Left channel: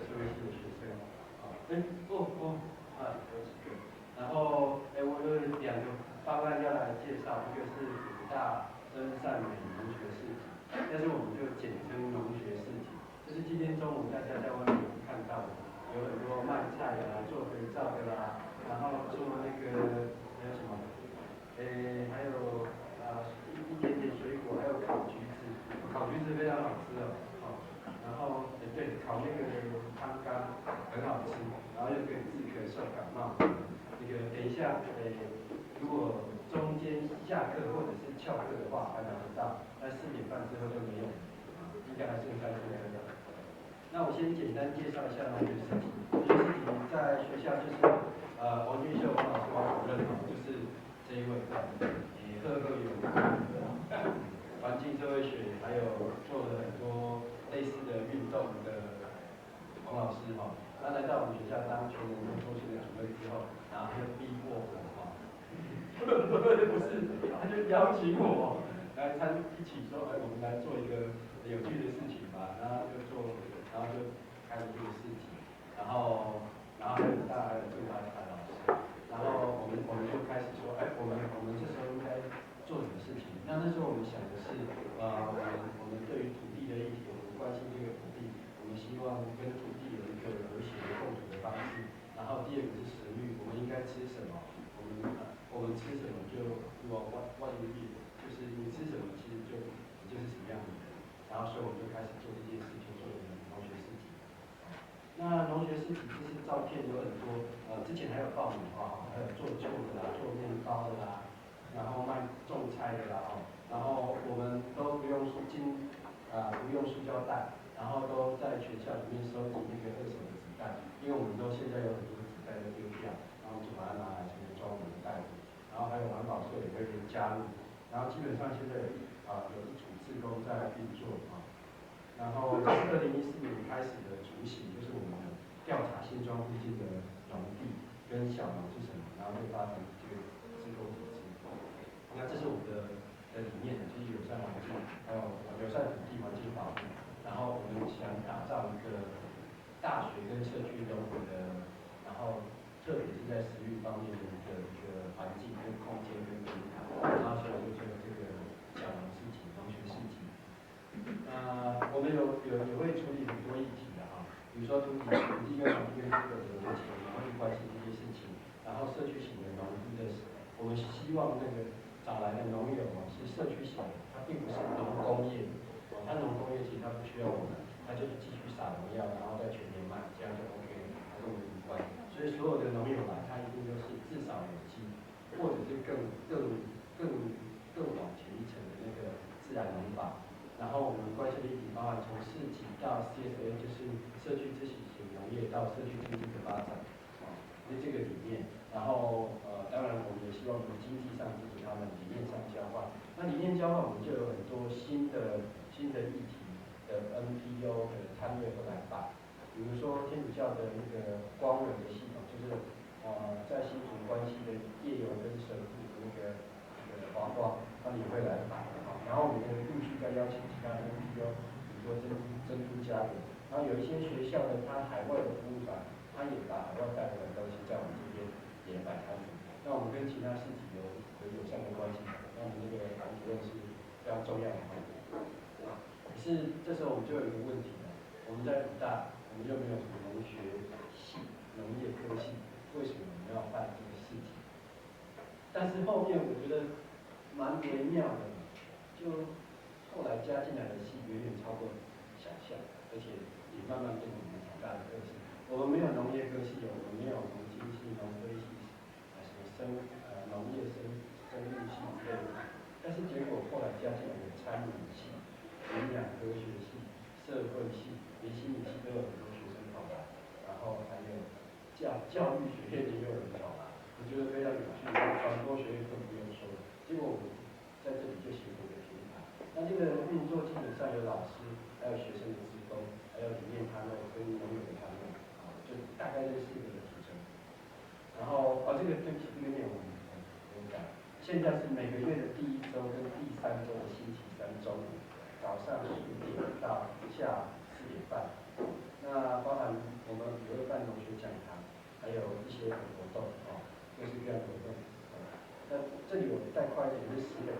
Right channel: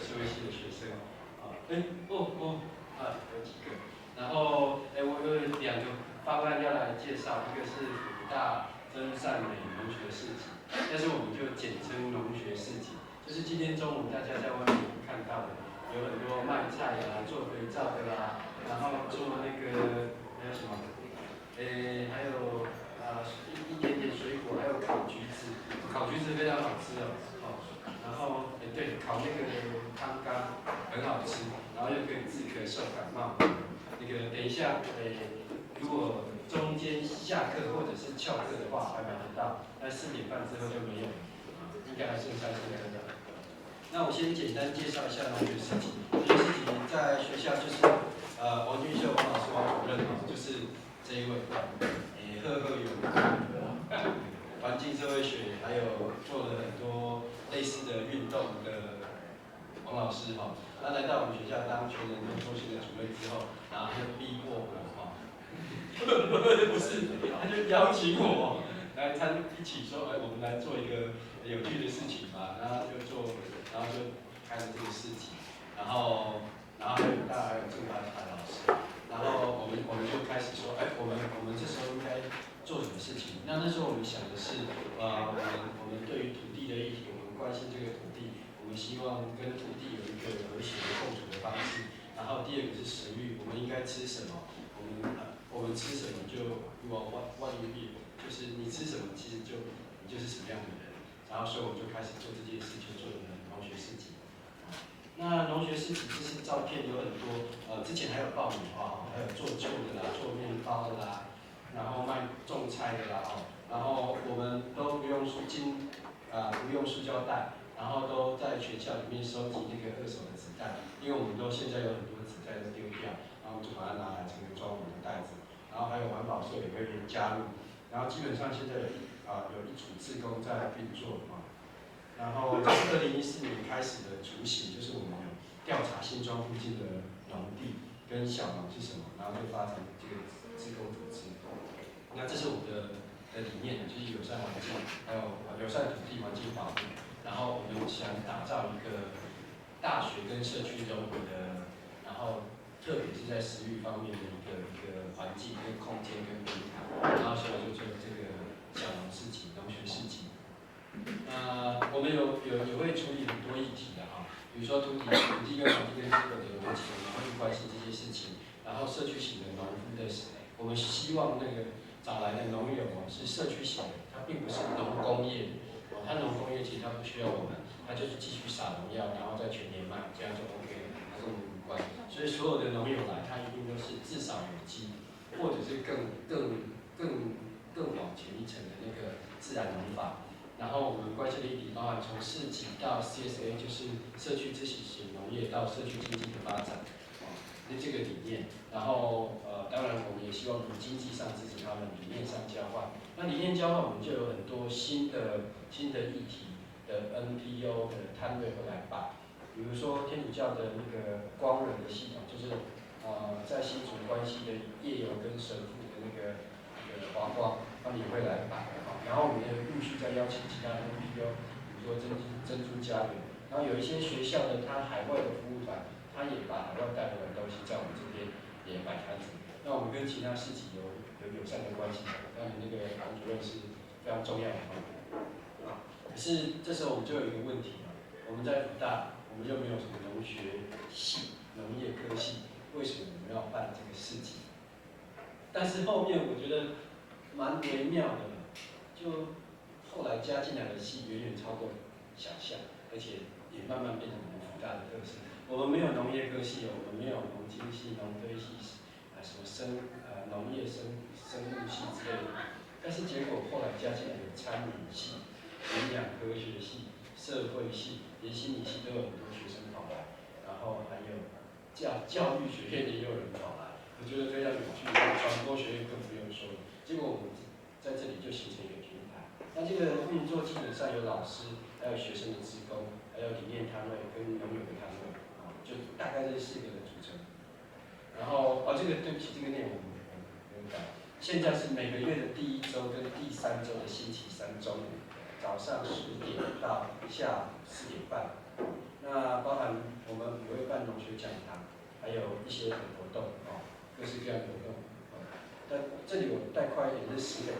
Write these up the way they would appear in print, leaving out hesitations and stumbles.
社会系的学生啊，有几个，然后我有2个方案要来介绍，一个是辅大真善美农学市集，但是我们就简称农学市集，就是今天中午大家在外面看到的，有很多卖菜啊、做肥皂的啦，然后做那个还有什么，还有一点点水果，还有烤橘子，烤橘子非常好吃哦，然后对，烤那个汤干很好吃，然后又可以治咳嗽感冒。那个等一下，如果中间下课或者是翘课的话，还买得到，但4点半之后就没有，应该还剩3颗的。那我先简单介绍一下农学市集。农学市集在学校就是王俊秀王老师王主任就是这一位，赫赫有名，环境社会学还有做了很多类似的运动的王老师他来到我们学校当全人中心的主任之后，然后就逼迫我不是，他就邀请我来一起说，我们来做一个有趣的事情吧，然后就开了这个市集，然后还有郑大台老师，然后我们就开始说，我们这时候应该做什么事情？那时候我们想的是，我们对于土地的议题，我们关心这个土地，我们希望跟土地有一个和谐的共处的方式。然后第2个是食欲，我们应该吃什么？我们吃什么就what you eat，就是你吃什么，其实你就是什么样的人。然后所以我们就开始做这件事，就做了农学市集。那农学市集就是照片有很多，之前还有爆米花，还有做旧的啦，做面包的啦，然后卖种菜的啦，然后我们都不用不用塑胶袋，然后都在学校里面收集那个2手的纸袋，因为我们现在有很多纸袋都丢掉，然后就把它拿来成为装我们的袋子，然后还有环保社也可以加入，然后基本上现在有一组志工在运作然后这是2014年开始的雏形，就是我们调查新庄附近的农地跟小农是什么，然后就发展这个志工组织。那这是我们的理念，就是友善环境，还有友善土地环境保护。然后我们想打造一个大学跟社区融合的，然后特别是在食育方面的一个环境跟空间跟平台，然后所以就做了这个小农市集、农学市集。我们也会处理很多议题的比如说土地跟环境跟这个的问题，我们会关心这些事情。然后社区型的农夫的，我们希望那个找来的农友是社区型的，他并不是农工业他农工业其实他不需要我们，他就是继续撒农药，然后再全年卖，这样就 OK 了，跟我们无关。所以所有的农友来，他一定都是至少有机，或者是更往前一层的那个自然农法。然后我们关系的议题包含从市集到 CSA， 就是社区自行型农业到社区经济的发展，这个理念。然后当然我们也希望从经济上支持他们，理念上交换。那理念交换，我们就有很多新的议题的 NPO 的摊位会来办，比如说天主教的那个光人的系统，就是在新竹关系的夜游跟神父的那个华光，他们也会来办。然后我们也陆续在邀请其他的 NPO，比如说珍珠家园，然后有一些学校的他海外的服务团，他也把海外带回来的东西在我们这边也摆摊子。那我们跟其他市集有友善的关系，当然那个王主任是非常重要的可是这时候我们就有一个问题我们在辅大，我们又没有什么农学系、农业科系，为什么我们要办这个市集？但是后面我觉得蛮微妙的，就后来加进来的系远远超过想象，而且也慢慢变成我们辅大的特色。我们没有农业科系我们没有农经系、农非系，什么农业生物系之类的。但是结果后来加进来有餐饮系、营养科学系、社会系，连心理系都有很多学生跑来，然后还有教育学院也有人跑来。我觉得非常有趣，传播学院更不用说了。结果我们在这里就形成一个平台。那这个运作基本上有老师，还有学生的志工，还有理念摊位跟农友的摊位，就大概这4个的组成。然后这个对不起，这个内容很改。现在是每个月的第1周跟第3周的星期3中午，早上10点到下午4点半。那那包含我们也会办农学讲堂，还有一些活动各式各样的活动。但这里我带快一点，是石北，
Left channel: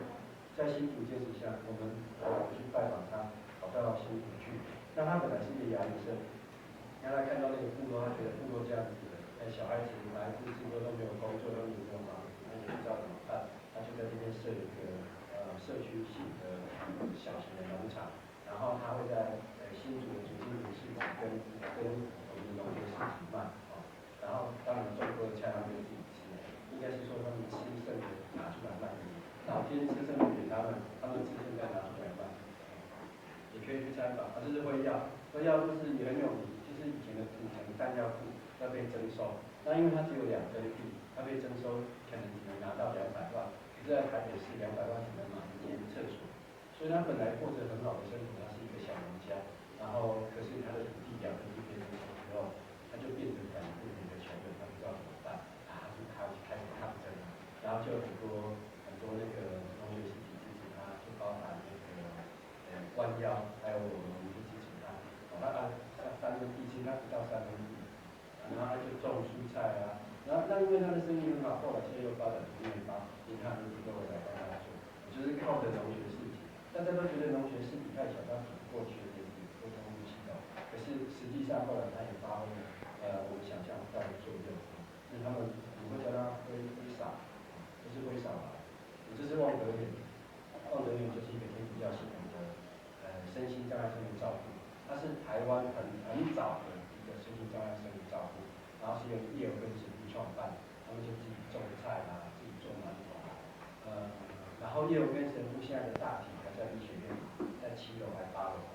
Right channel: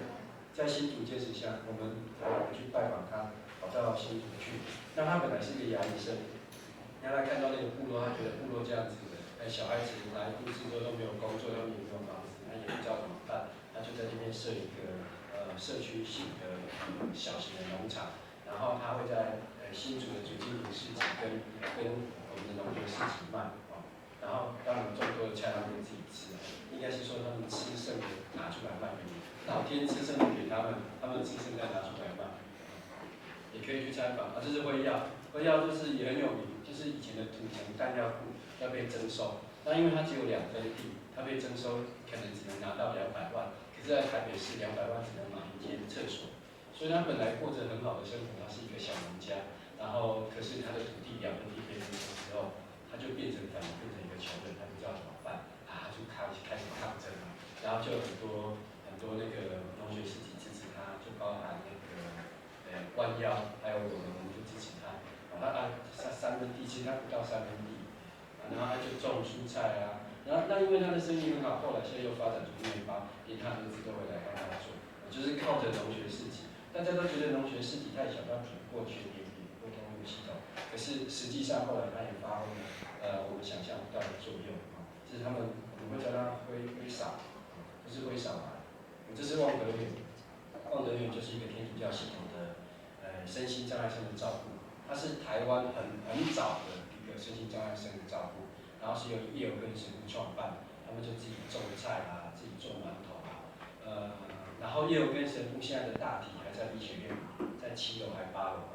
在新竹建设乡，我们去拜访他，跑到新竹去。那他本来是个牙医生，让他看到那个部落，他觉得部落这样子，小孩子来都市都没有工作，他们也没有房子，那也不知道怎么办，他就在那边设一个社区型的小型的农场，然后他会在新竹的主经理市集跟我们的农学市集卖然后当然种多的菜他们自己吃，应该是说他们吃剩的拿出来卖给你，老天吃剩的给他们，他们吃剩再拿出来卖。也可以去参访这是辉耀，辉耀就是也很有名，就是以前的土城弹药库要被征收，那因为它只有2分地，它被征收可能只能拿到200万，可是在台北市200万只能买1间厕所，所以他本来过着很好的生活，他是一个小农家，然后可是他的土地2分地被征收之后，他就变成反而变成一个穷人，他不知道怎么办他就开始抗争了，然后就有很多那个农学市集支持他，就包含那个弯腰，还有我们就支持他。他3分地，其实他不到3分地，然后他就种蔬菜然后那因为他的生意很好，后来现在又发展出面包，连他儿子都会来帮他做，就是靠着农学市集。大家都觉得农学市集太小，他比不过全联沟通系统，可是实际上后来他也发挥了我们想象不到的作用就是他们我们会叫他挥洒，不是挥洒吧？这是望德园，望德园就是一个天主教系统的身心障碍生的照顾，它是台湾很早的一个身心障碍生的照顾，然后是由叶尔根神父创办，他们就自己种菜自己种馒头然后叶尔根神父现在的大体还在医学院，在7楼还8楼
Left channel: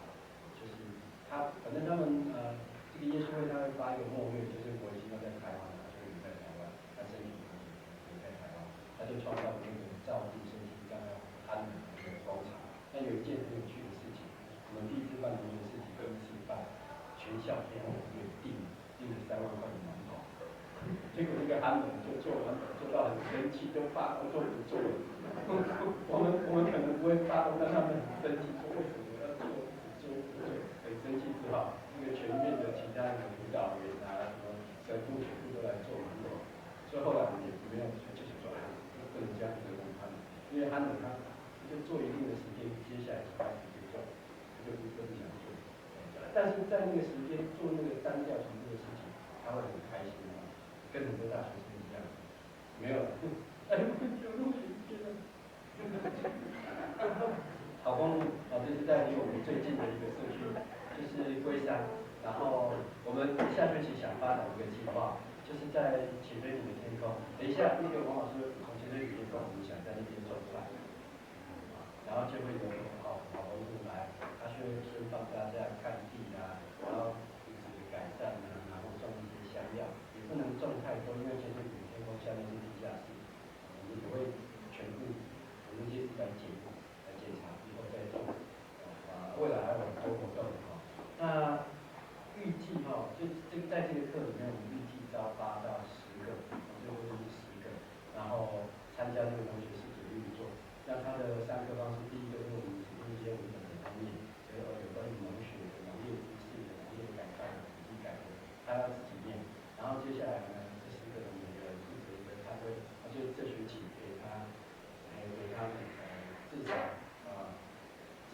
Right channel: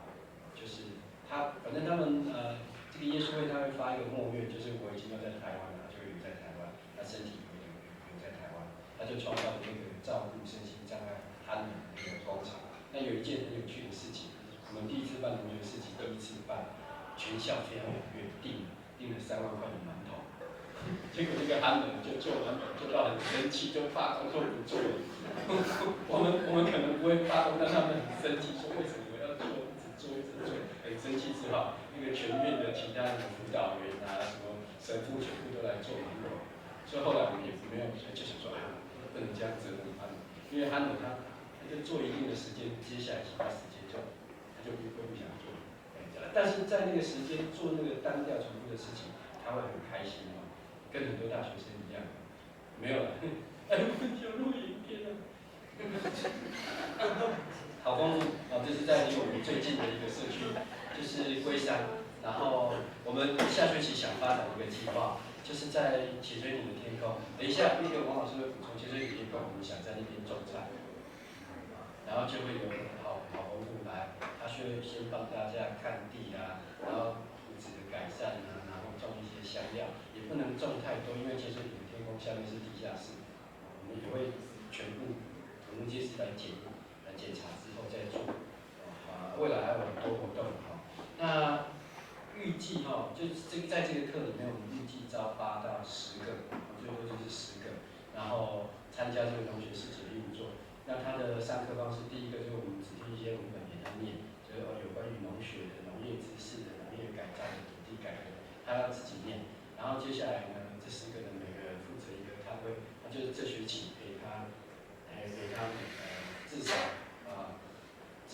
就是反正他们这个耶稣会他会发一个默愿，就是我已经要在台湾了，就留在台湾，他身体留在台湾，他就创造了那个照顾身心障碍瘫人的那个工厂。那有一件很有趣的事情，我们第1次办农学市集，第1次办，全校非常踊跃订了3万块的馒头，结果那个憨人就做馒头做到很生气，就罢工说不做了。我们可能不会罢工，但他们很生气，说为什么要做，一直做，很生气之后，那个全院的其他的辅导员什么神父全部都来做馒头，所以后来我们也没有，就想说不能这样折磨他们，因为憨人他就做一定的时间，接下来其他时间他就不想做，但是在那个时间做那个单调重复的事情，他会很开心跟很多大学生一样，没有了，我们有录影片好丰富这是在离我们最近的一个社区，就是龟山。然后我们下学期想发展一个计划，就是在潜水艇的天空。等一下，那个王老师会补充，潜水艇天空，我们想在那边种菜，然后就会有好丰富来，他就会先帮大家看地然后土质的改善然后种一些香料，也不能种太多，因为潜水艇的天空下面是地下室，我们也会全部我们皆是来检查之后再做，未来还有很多活动那预计就在这个课里面，我们预计招8到10个，最多就是10个，然后参加这个农学市集的运作。那他的上课方式，第一个就是我们只听一些文本给他念，就是有关于农学的、农业知识的、农业改造的、土地改革，他要自己念。然后接下来呢，这10个人每个人负责一个，他会，就是这学期给他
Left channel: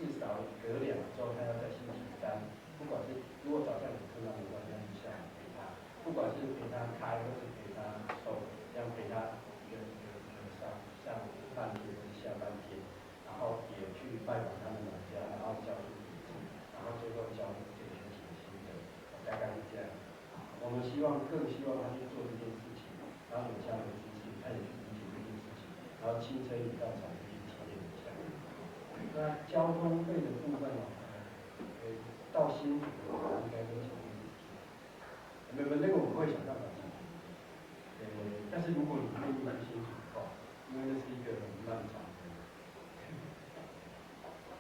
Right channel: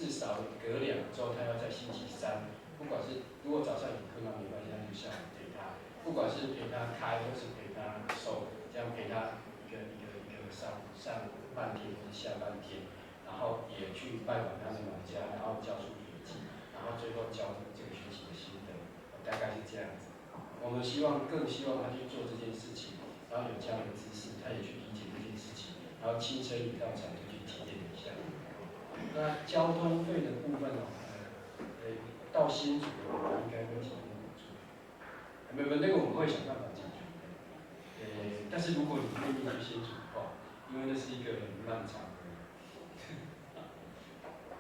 至少隔2周，他要在星期3，不管是如果早上有课那没关系，那就下午陪他，不管是陪他开或是陪他收，这样陪他一个上半天或者下半天，然后也去拜访他们农家，然后教书笔记，然后最后教这个学期的心得，大概是这样子。我们更希望他去做这件事情，然后有这样的知识，他也去理解这件事情，然后亲身也到场就去体验一下。那交通费的部分到新竹的我们应该会提供补助，没有那个我们会想办法解决。但是如果你愿意去新竹的话，因为那是一个很漫长的，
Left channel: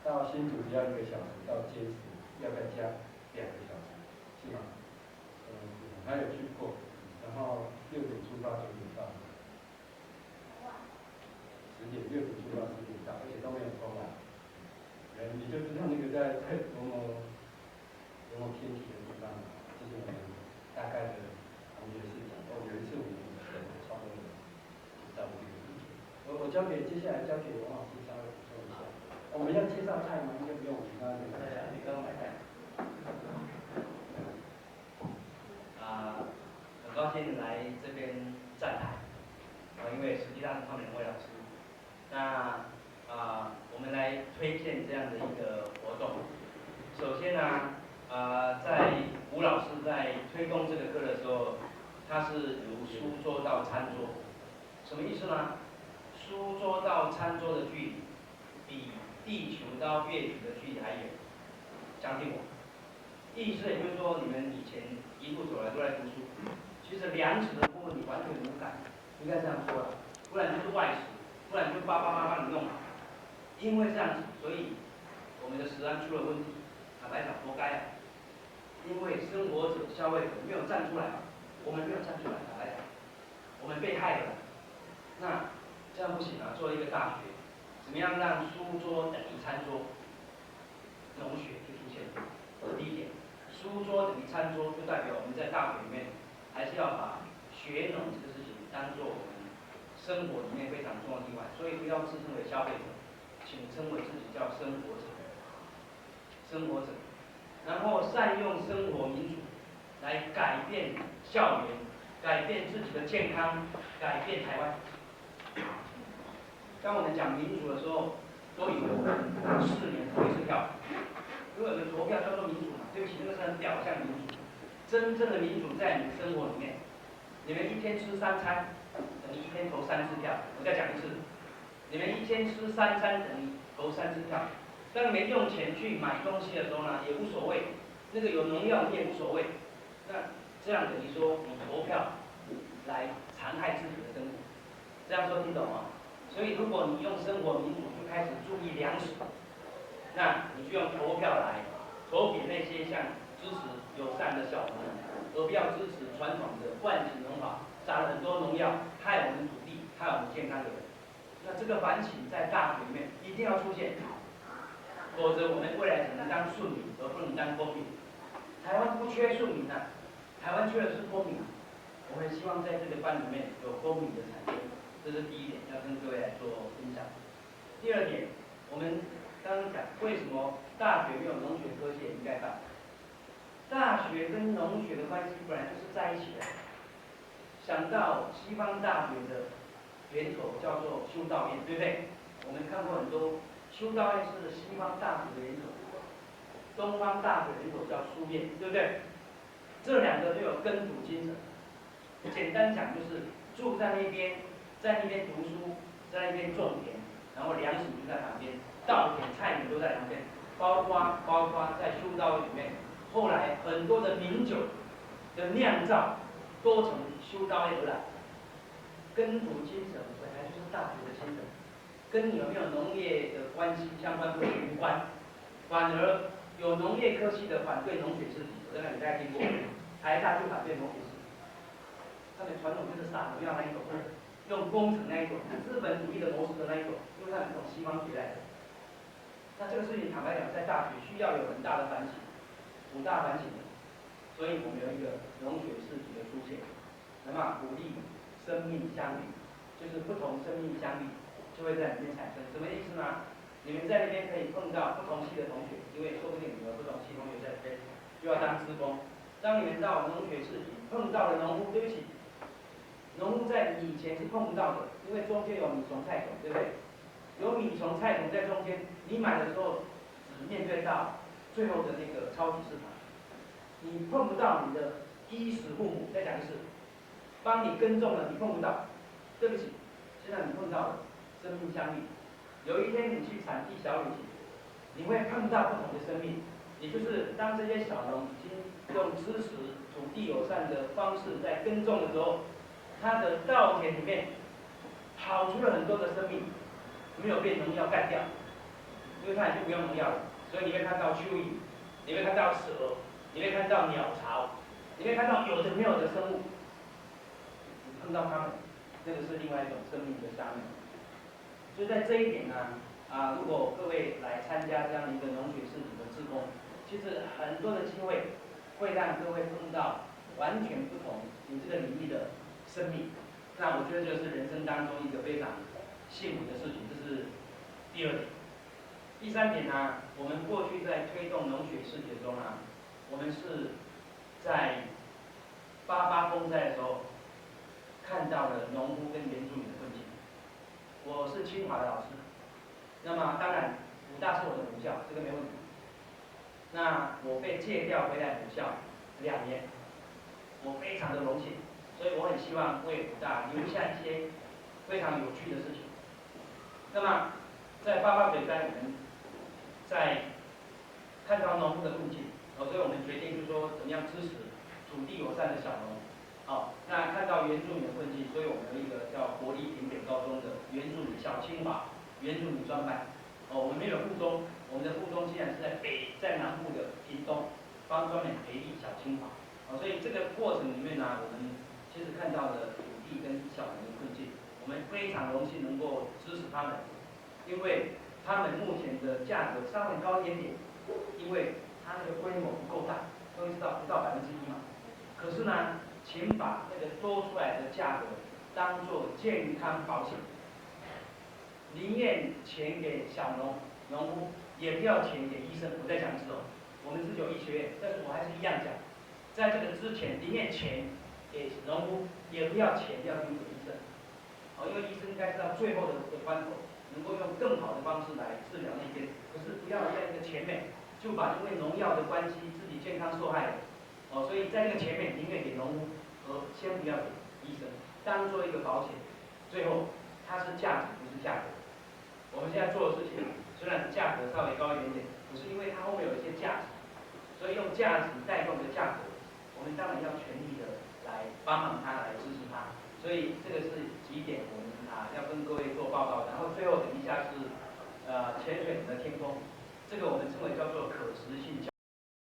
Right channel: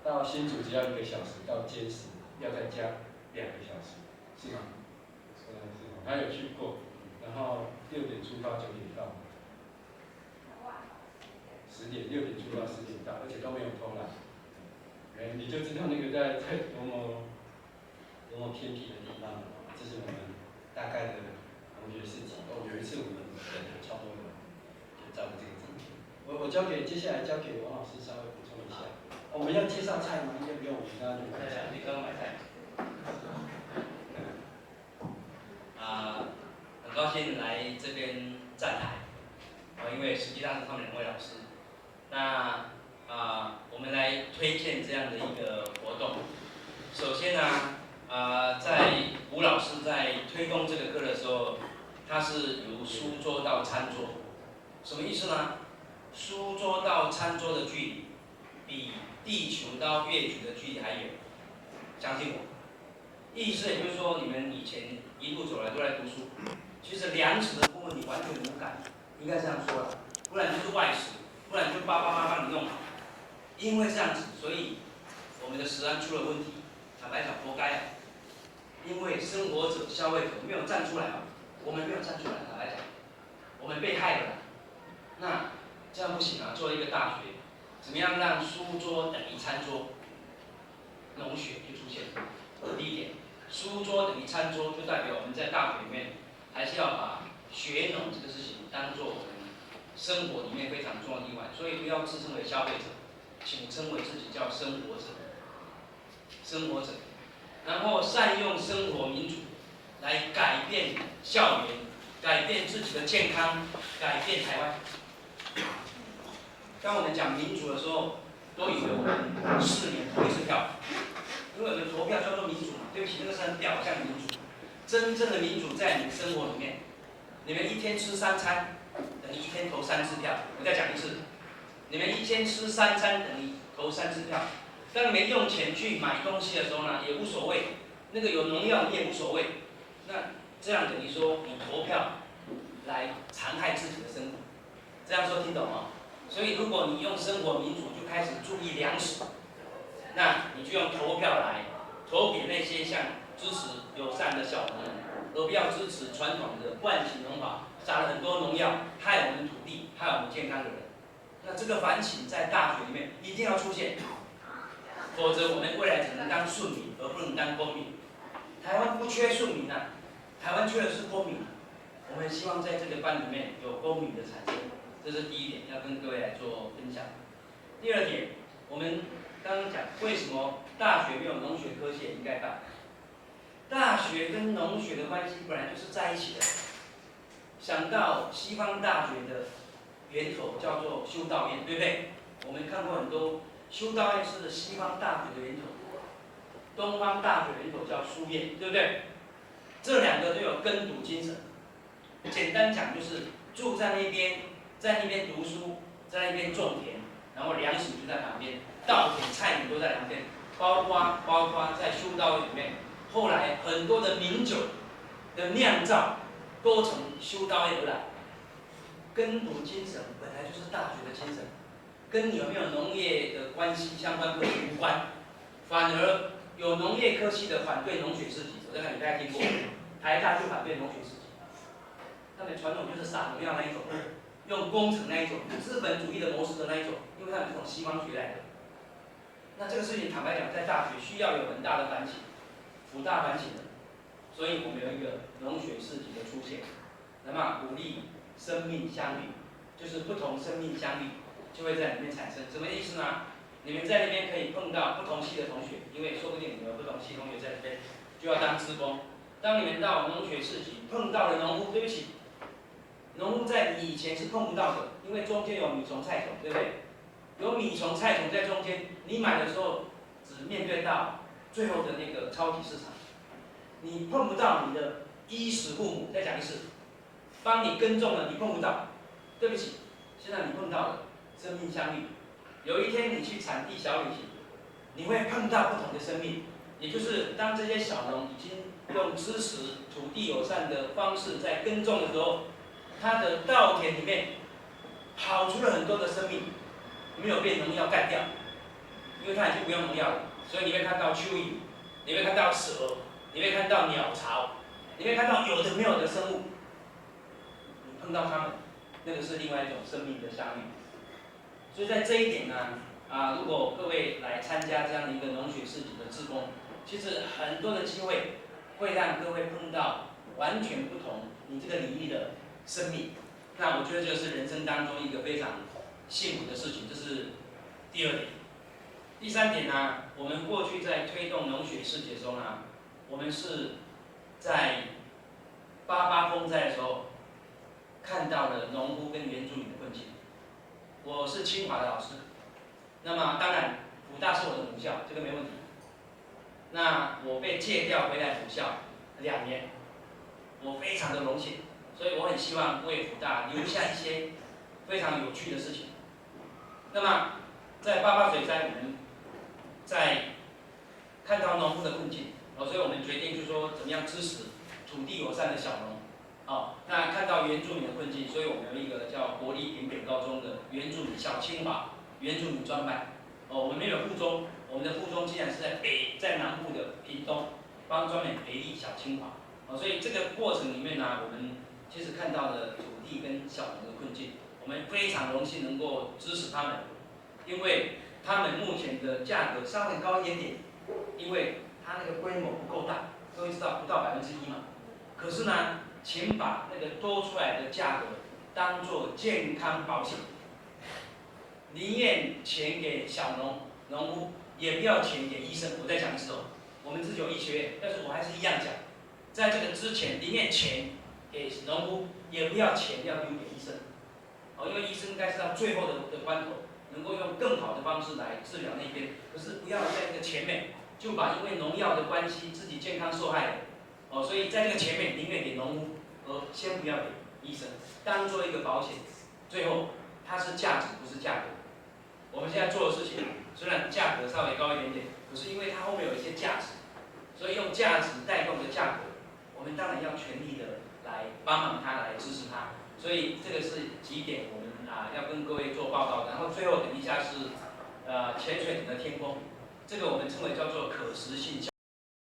到新竹只要1个小时，到尖石要再加2个小时，是吗？他有去过，然后6点出发，9点到，10点6点出发10点到，而且都没有偷懒。你就知道那个在多么偏僻的地方，接下来交给王老师稍微补充一下。我们要介绍菜吗？应该不用，我们大家就买菜。你刚刚买菜。很高兴来这边站台，因为实际上是他们2位老师。那我们来推荐这样的一个活动。首先呢，在吴老师在推动这个课的时候，他是由书桌到餐桌，什么意思呢？书桌到餐桌的距离，比地球到月球的距离还远，相信我。意思也就是说，你们以前一路走来都在读书，其实量尺的部分你完全无感，应该这样说了，不然就是外食，不然就888帮你弄好。因为这样子，所以我们的食安出了问题。坦白讲，活该啊！因为生活者、消费者没有站出来嘛，我们没有站出来，坦白讲，我们被害了。那这样不行啊！作为一个大学，怎么样让书桌等于餐桌？农学就出现了。第一点，书桌等于餐桌，就代表我们在大学里面还是要把学农这个事情当做我们生活里面非常重要的一环，所以不要自称为消费者，请称为自己叫生活者。生活者，然后善用生活民主来改变校园，改变自己的健康，改变台湾。当我们讲民主的时候，都以为我们4年投1次票，因为我们投票叫做民主嘛。对不起，那个是很表象的民主。真正的民主在你的生活里面，你们1天吃3餐，等于1天投3次票。我再讲一次，你们1天吃3餐等于投3次票。当你们用钱去买东西的时候呢，也无所谓，那个有农药你也无所谓。那这样等于说你投票来残害自己的生活，这样说听懂吗？所以如果你用生活民主就开始注意粮食，那你就用投票来投给那些像支持友善的小农人，而不要支持传统的惯性农法，撒了很多农药，害我们土地、害我们健康的人。那这个反省在大学里面一定要出现。否则我们未来只能当顺民，而不能当公民。台湾不缺顺民啊，台湾缺的是公民。我们希望在这个班里面有公民的产生，这是第一点，要跟各位来做分享。第2点，我们刚刚讲为什么大学没有农学科系也应该办？大学跟农学的关系本来就是在一起的。想到西方大学的源头叫做修道院，对不对？我们看过很多。修道院是西方大学的源头，东方大学的源头叫书院，对不对？这2个都有耕读精神。简单讲就是住在那边，在那边读书，在那边种田，然后粮食就在旁边，稻田、菜园都在旁边，包括在修道院里面，后来很多的名酒的酿造都从修道院而来。耕读精神本来就是大学的精神。跟你有没有农业的关系相关科系无关，反而有农业科系的反对农学士级，我在那里大家听过，台大就反对农学士级，他们传统就是撒农药那一种，用工程那一种，资本主义的模式的那一种，因为他们是从西方学来的。那这个事情坦白讲，在大学需要有很大的反省，辅大反省的，所以我们有一个农学士级的出现，那么鼓励生命相遇，就是不同生命相遇。就会在里面产生，什么意思呢？你们在那边可以碰到不同系的同学，因为说不定你们有不同系同学在那边，就要当志工。当你们到农学士级碰到了农夫，对不起，农夫在你以前是碰不到的，因为中间有米虫、菜虫，对不对？有米虫、菜虫在中间，你买的时候只面对到最后的那个超级市场，你碰不到你的衣食父母。再讲一次，帮你耕种了，你碰不到，对不起，现在你碰到了。生命相遇，有一天你去产地小旅行，你会碰到不同的生命，也就是当这些小农已经用支持土地友善的方式在耕种的时候，他的稻田里面跑出了很多的生命，没有被农药干掉，因为它已经不用农药了，所以你会看到蚯蚓，你会看到蛇，你会看到鸟巢，你会看到有的没有的生物，你碰到它们，那个是另外一种生命的相遇。所以在这一点呢，如果各位来参加这样的一个农学士级的志工，其实很多的机会会让各位碰到完全不同你这个领域的生命。那我觉得这是人生当中一个非常幸福的事情，这是第二点。第三点呢，我们过去在推动农学世界中呢，我们是在88风灾的时候看到了农夫跟原住民的困境。我是清华的老师，那么当然武大是我的母校，这个没问题。那我被借调回来母校2年，我非常的荣幸，所以我很希望为武大留下一些非常有趣的事情。那么在88水灾，我们在看到农夫的困境，所以我们决定就是说怎么样支持土地友善的小农。那看到原住民的困境，所以我们有一个叫国立屏北高中的原住民小清华原住民专班。我们没有附中，我们的附中竟然是在南部的屏东，专门培育小清华。所以这个过程里面呢，我们其实看到了土地跟小农的困境，我们非常荣幸能够支持他们，因为他们目前的价格稍微高一点点，因为它那个规模不够大，各位知道不到1%嘛。可是呢，请把那个多出来的价格当做健康保险，宁愿钱给小农夫，也不要钱给医生。我再讲一次哦，我们自己有医学院，但是我还是一样讲，在这个之前，宁愿钱给农夫，也不要钱要留给医生。因为医生应该是到最后的关头，能够用更好的方式来治疗那边，可是不要在这个前面就把因为农药的关系自己健康受害了。所以在这个前面宁愿给农夫，而先不要给医生，当做一个保险。最后它是价值，不是价格。我们现在做的事情虽然价格稍微高一点点，可是因为它后面有一些价值，所以用价值带动的价格，我们当然要全力的来帮忙它，来支持它。所以这个是几点我们要跟各位做报告。然后最后等一下是潜水艇的天空，这个我们称为叫做可实性